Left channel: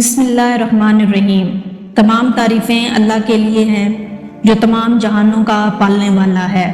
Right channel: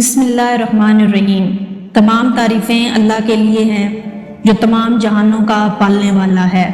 بسم اللہ الرحمن الرحیم۔ تمام تعریفیں اللہ کے لیے ہیں جو تمام جہانوں کا پالنے والا ہے۔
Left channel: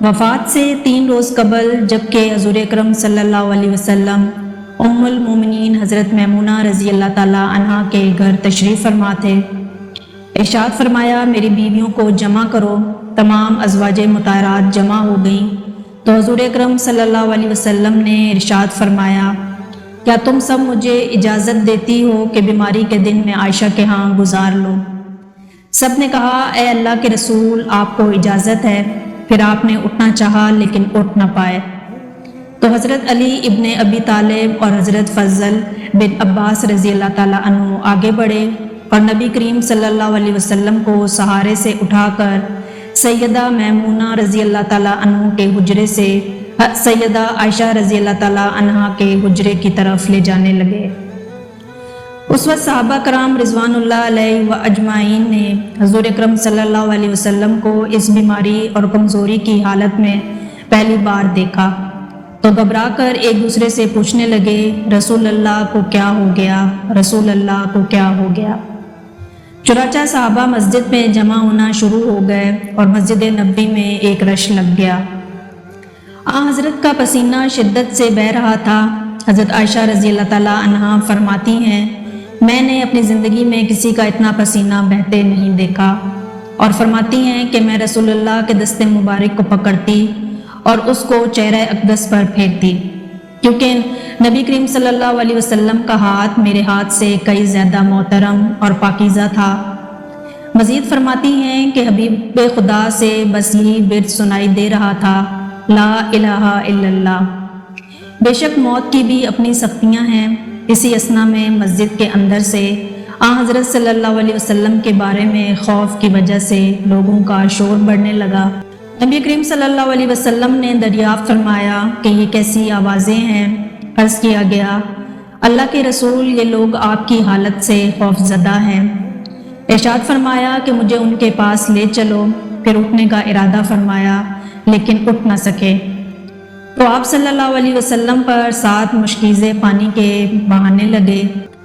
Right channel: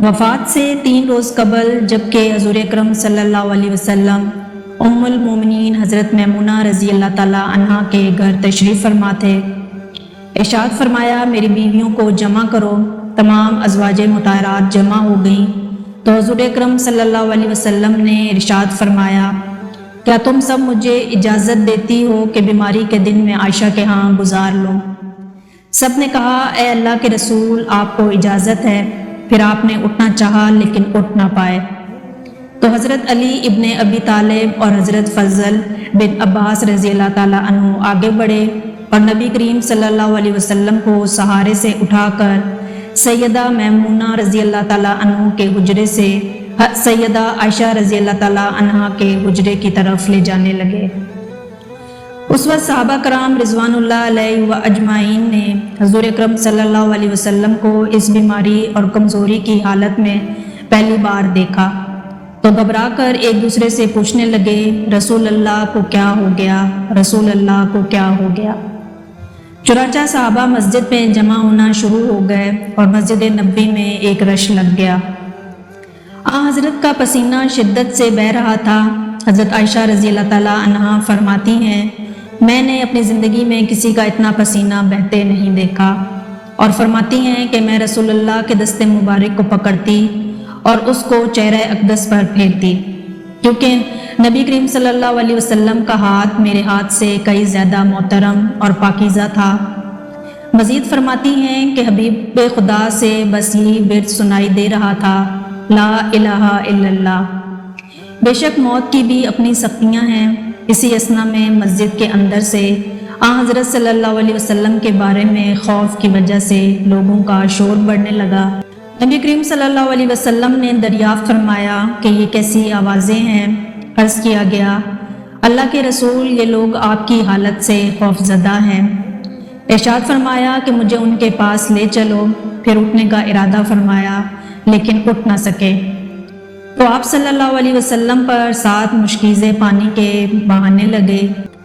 وفات سے 3 روز قبل جبکہ حضور اکرم صلی اللہ علیہ وسلم ام المومنین حضرت میمونہ رضی اللہ تعالیٰ عنہ کے گھر تشریف فرما تھے، ارشاد فرمایا میری بیویوں کو جمع کرو۔ تمام ازواج مطہرات جمع ہو گئیں تو حضور اکرم صلی اللہ علیہ وسلم نے ارشاد فرمایا کیا تم سب مجھے اجازت دیتی ہو کہ بیماری کے دن میں عائشہ کے ہاں گزار لوں؟ سب نے کہا اے اللہ کے رسول آپ کو اجازت ہے۔ پھر آپ نے اٹھنا چاہا لیکن اٹھ نہ پائے تو حضرت علی ابن ابی طالب اور حضرت فضل بن عباس رضی اللہ تعالیٰ عنہ آگے بڑھے اور نبی کریم صلی اللہ علیہ وسلم کو سہارے سے اٹھا کر سیدہ میمونہ رضی اللہ تعالیٰ عنہ کے حجرے سے سیدہ عائشہ رضی اللہ تعالیٰ عنہ کے حجرے کی طرف لے جانے لگے۔ اس وقت صحابہ کرام رضوان اللہ علیہ و اجمعین نے حضور اکرم صلی اللہ علیہ وسلم کو اس بیماری اور کمزوری کی حالت میں پہلی بار دیکھا تو گھبرا کر ایک دوسرے سے پوچھنے لگے رسول اللہ کو کیا ہو گیا، رسول اللہ کو کیا ہو گیا۔ چنانچہ صحابہ مسجد میں جمع ہونا شروع ہو گئے اور مسجد نبوی میں ایک رش لگ گیا۔ حضرت کا پسینہ شدت سے بہہ رہا تھا۔ حضرت عائشہ رضی اللہ تعالیٰ عنہا فرماتی ہیں میں نے اپنی زندگی میں کسی کا اتنا پسینہ بہتے نہیں دیکھا، اور فرماتی ہیں کہ میں رسول اللہ کے دست مبارک کو پکڑتی اور اس کو چہرہ اقدس پر پھینکتی، کیونکہ نبی کریم صلی اللہ علیہ وسلم کا ہاتھ میرے ہاتھ سے کئی زیادہ محترم اور پاکیزہ تھا۔ مزید فرماتی ہیں کہ حبیب خدا سے بس یہ ورد سنائی دے رہا تھا لا الہ الا اللہ۔ بے شک موت کی بھی اپنی سختیاں ہیں۔ اسی اثنا میں مسجد کے اندر سے حضرت صلی اللہ علیہ وسلم کے بارے میں خوف کی وجہ سے لوگوں کا شور پڑنے لگا۔ نبی کریم صلی اللہ علیہ وسلم نے دریافت فرمایا کہ یہ کیسی آوازیں ہیں؟ عرض کیا گیا اللہ کے رسول یہ لوگ آپ کی حالت سے خوف زدہ ہیں۔ ارشاد فرمایا کہ مجھے ان کے پاس لے چلو۔ پھر اٹھنے کا ارادہ فرمایا لیکن اٹھ نہ سکے تو آپ صلی اللہ علیہ وسلم پر 7 مشکیزیں پانی کے بہانے لگے۔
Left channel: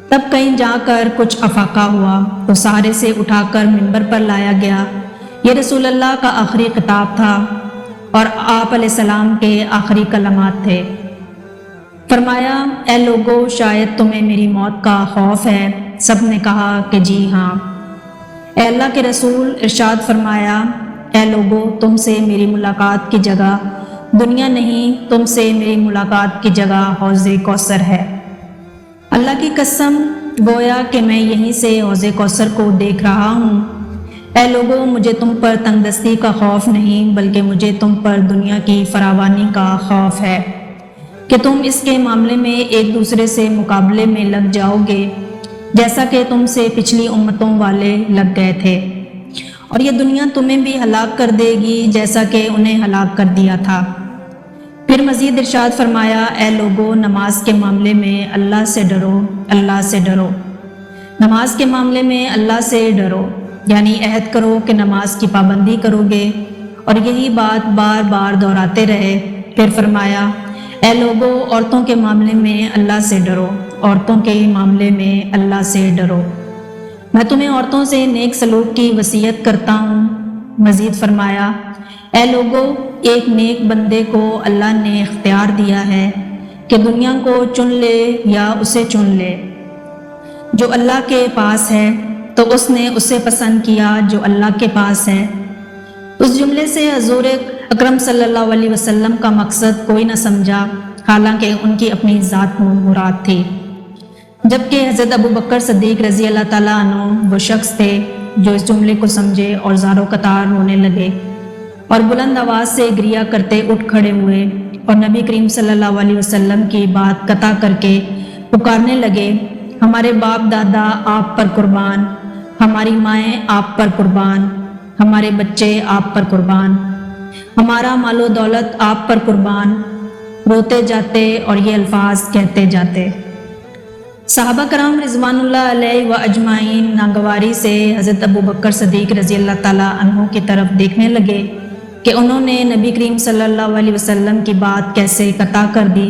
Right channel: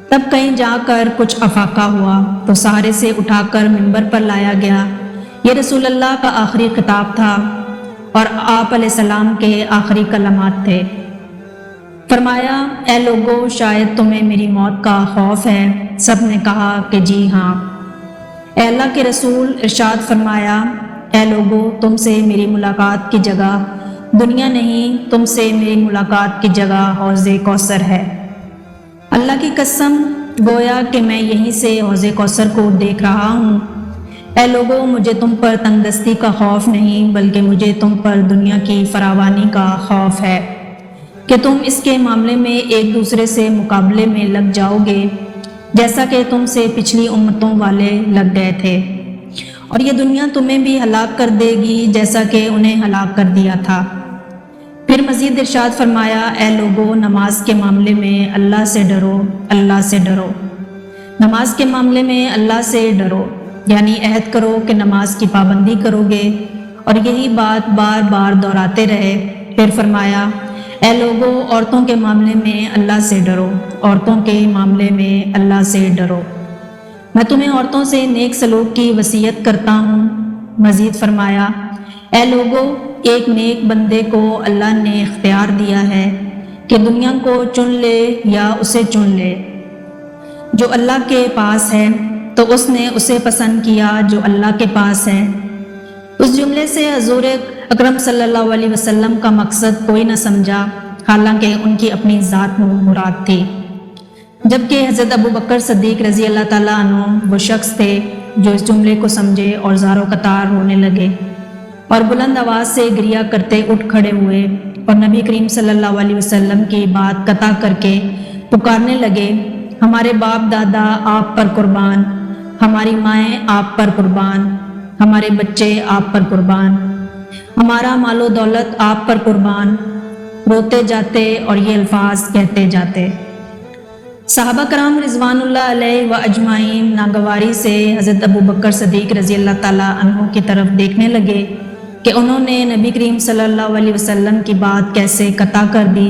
تب کہیں جا کر کچھ افاقہ ہوا تو سہارے سے اٹھا کر منبر پر لایا گیا۔ یہ رسول اللہ کا آخری خطاب تھا اور آپ علیہ السلام کے آخری کلمات تھے۔ فرمایا اے لوگو شاید تمہیں میری موت کا خوف ہے؟ سب نے کہا کہ جی ہاں۔ اے اللہ کے رسول ارشاد فرمایا اے لوگو تم سے میری ملاقات کی جگہ دنیا نہیں، تم سے میری ملاقات کی جگہ حوض کوثر ہے۔ اللہ کی قسم گویا کہ میں یہیں سے حوض کوثر کو دیکھ رہا ہوں۔ اے لوگو مجھے تم پر تنگ دستی کا خوف نہیں بلکہ مجھے تم پر دنیا کی فراوانی کا خوف ہے کہ تم اس کے معاملے میں ایک دوسرے سے مقابلے میں لگ جاؤ گے جیسا کہ تم سے پچھلی امتوں والے لگ گئے تھے، اور یہ دنیا تمہیں بھی ہلاک کر دے گی جیسا کہ انہیں ہلاک کر دیا تھا۔ پھر مزید ارشاد فرمایا اے لوگو نماز کے معاملے میں اللہ سے ڈرو، اللہ سے ڈرو۔ نماز کے معاملے میں اللہ سے ڈرو یعنی عہد کرو کہ نماز کی پابندی کرو گے، اور یہی بات بار بار دہراتے رہے۔ پھر فرمایا اے لوگو عورتوں کے معاملے میں اللہ سے ڈرو، عورتوں کے معاملے میں اللہ سے ڈرو۔ میں تمہیں عورتوں سے نیک سلوک کی وصیت کرتا ہوں۔ مزید فرمایا اے لوگو ایک نیک بندے کو اللہ نے اختیار دیا ہے کہ دنیا کو چن لے یا اسے چن لے۔ جو اللہ کے پاس ہے تو اس نے اسے پسند کیا جو اللہ کے پاس ہے۔ اس جملے سے حضور اکرم صلی اللہ علیہ وسلم کا مقصد کوئی نہ سمجھا، حالانکہ ان کی اپنی ذات مراد تھی، جبکہ حضرت ابو بکر صدیق رضی اللہ تعالیٰ عنہ وہ شخص تھے جو اس جملے کو سمجھے اور زار و قطار ہونے لگے اور بلند آواز سے گریہ کرتے اٹھ کھڑے ہوئے اور نبی کریم صلی اللہ علیہ وسلم کی بات قطع کر کے پکارنے لگے ہمارے باپ دادا آپ پر قربان، ہماری مائیں آپ پر قربان، ہمارے بچے آپ پر قربان، ہمارا مال و دولت آپ پر قربان، روتے جاتے اور یہ الفاظ کہتے جاتے۔ صحابہ کرام رضوان اللہ علیہ و اجمعین ناگواری سے حضرت ابو بکر صدیق رضی اللہ تعالیٰ عنہ کی طرف دیکھنے لگے کہ انہوں نے نبی کریم صلی اللہ علیہ وسلم کی بات کیسے قطع کر دی۔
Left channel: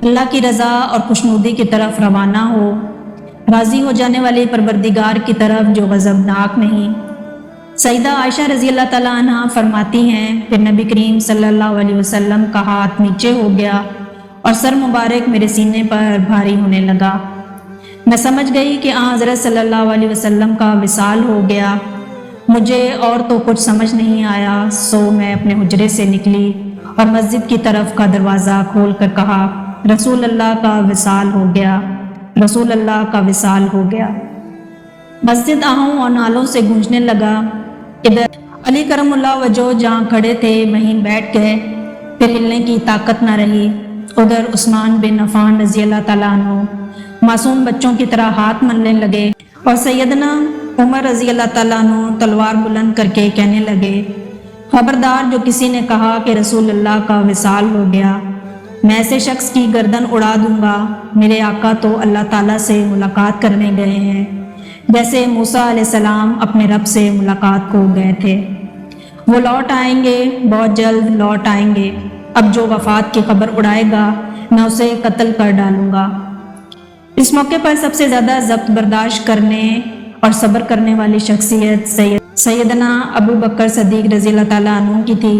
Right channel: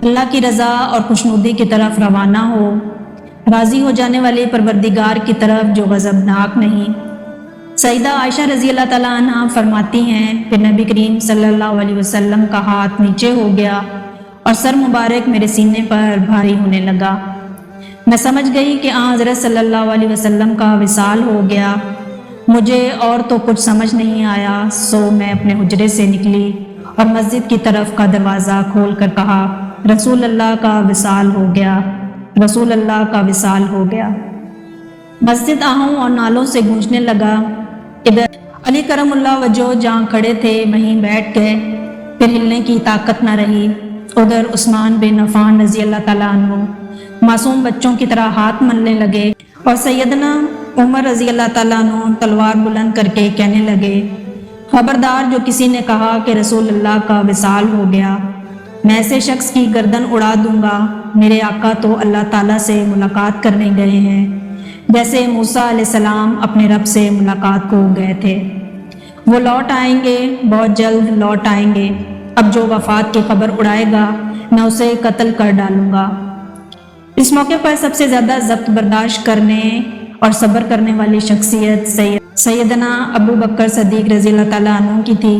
اللہ کی رضا اور خوشنودی کی طرف روانہ ہو، راضی ہو جانے والے پروردگار کی طرف جو غضبناک نہیں۔ سیدہ عائشہ رضی اللہ تعالیٰ عنہ فرماتی ہیں کہ نبی کریم صلی اللہ علیہ وسلم کا ہاتھ نیچے ہو گیا اور سر مبارک میرے سینے پر بھاری ہونے لگا۔ میں سمجھ گئی کہ حضرت صلی اللہ علیہ وسلم کا وصال ہو گیا۔ مجھے اور تو کچھ سمجھ نہیں آیا، سو میں اپنے حجرے سے نکلی اور مسجد کی طرف کا دروازہ کھول کر کہا، رسول اللہ کا وصال ہو گیا، رسول اللہ کا وصال ہو گیا۔ مسجد آہوں اور نالوں سے گونجنے لگا۔ ادھر علی کرم اللہ وجہ جہاں کھڑے تھے وہیں بیٹھ گئے، پھر ہلنے کی طاقت نہ رہی۔ ادھر عثمان بن عفان رضی اللہ تعالیٰ عنہ معصوم بچوں کی طرح ہاتھ ملنے لگے اور سیدنا عمر رضی اللہ تعالیٰ عنہ تلوار بلند کر کے کہنے لگے، خبردار جو کسی نے کہا کہ رسول اللہ کا وصال ہو گیا، میں ایسے شخص کی گردن اڑا دوں گا۔ میرے آقا تو اللہ تعالیٰ سے ملاقات کرنے گئے ہیں، جیسے موسیٰ علیہ السلام اپنے رب سے ملاقات کو گئے تھے۔ وہ لوٹ آئیں گے، بہت جلد لوٹ آئیں گے۔ اب جو وفات کی خبر اڑائے گا میں اسے قتل کر ڈالوں گا۔ اس موقع پر سب سے زیادہ ضبط برداشت کرنے اور صبر کرنے والی شخصیت سیدنا ابو بکر صدیق رضی اللہ تعالیٰ عنہ کی تھی۔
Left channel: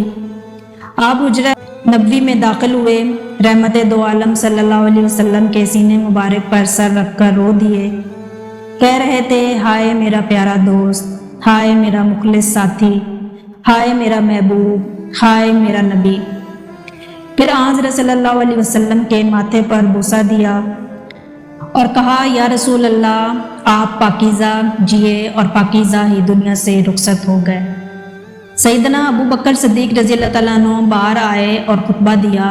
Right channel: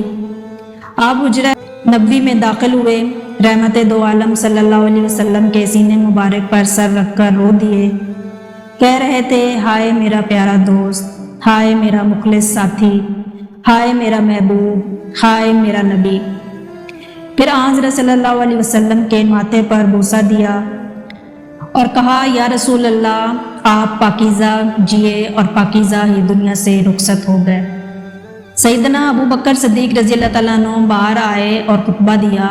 آپ حجرہ نبوی میں داخل ہوئے، رحمت دو عالم صلی اللہ علیہ وسلم کے سینے مبارک پر سر رکھ کر رو دیے، کہہ رہے تھے، ہائے میرا پیارا دوست، ہائے میرا مخلص ساتھی، ہائے میرا محبوب، ہائے میرا نبی۔ پھر حضرت صلی اللہ علیہ وسلم کے ماتھے پر بوسہ دیا اور کہا، یا رسول اللہ، آپ پاکیزہ جیے اور پاکیزہ ہی دنیا سے رخصت ہو گئے۔ سیدنا ابو بکر صدیق رضی اللہ تعالیٰ عنہ باہر آئے اور خطبہ دیا،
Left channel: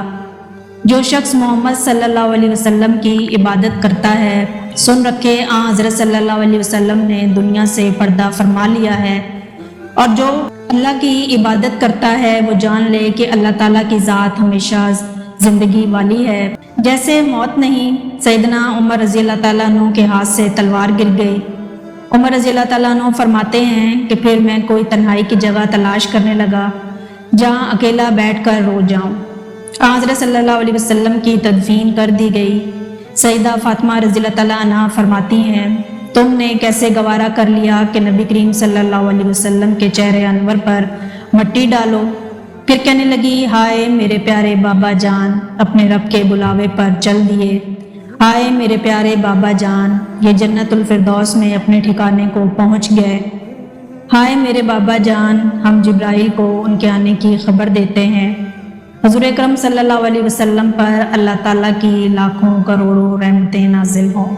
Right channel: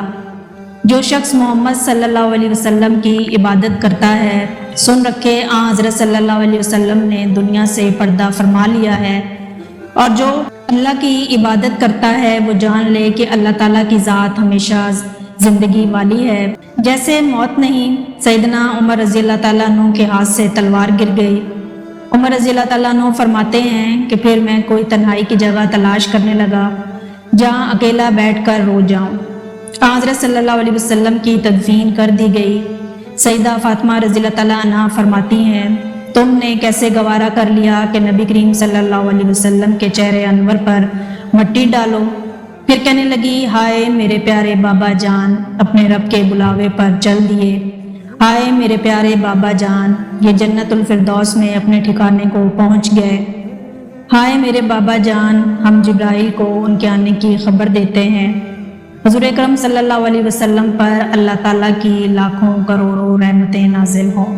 جو شخص محمد صلی اللہ علیہ وسلم کی عبادت کرتا ہے، سن رکھے حضرت صلی اللہ علیہ وسلم نے دنیا سے پردہ فرما لیا ہے، اور جو اللہ کی عبادت کرتا ہے وہ جان لے کہ اللہ تعالیٰ کی ذات ہمیشہ زندگی والی ہے، جیسے موت نہیں۔ سیدنا عمر رضی اللہ تعالیٰ عنہ کے ہاتھ سے تلوار گر گئی۔ عمر رضی اللہ تعالیٰ عنہ فرماتے ہیں کہ پھر میں کوئی تنہائی کی جگہ تلاش کرنے لگا جہاں اکیلا بیٹھ کر رو جاؤں۔ حضرت صلی اللہ علیہ وسلم کی تدفین کر دی گئی۔ سیدہ فاطمہ رضی اللہ تعالیٰ عنہ فرماتی ہیں، تم نے کیسے گوارا کر لیا کہ نبی کریم صلی اللہ علیہ وسلم کے چہرے انور پر مٹی ڈالو؟ پھر کہنے لگی، ہائے میرے پیارے بابا جان، اپنے رب کے بلاوے پر چل دیے۔ آئے میرے پیارے بابا جان، یہ جنت الفردوس میں اپنے ٹھکانے کو پہنچ گئے۔ ہائے میرے بابا جان، ہم جبرائیل کو ان کے آنے کی خبر دیتے ہیں۔ حضور اکرم صلی اللہ علیہ وسلم پر اللہ تعالیٰ کی لاکھوں کروڑوں رحمتیں نازل ہوں۔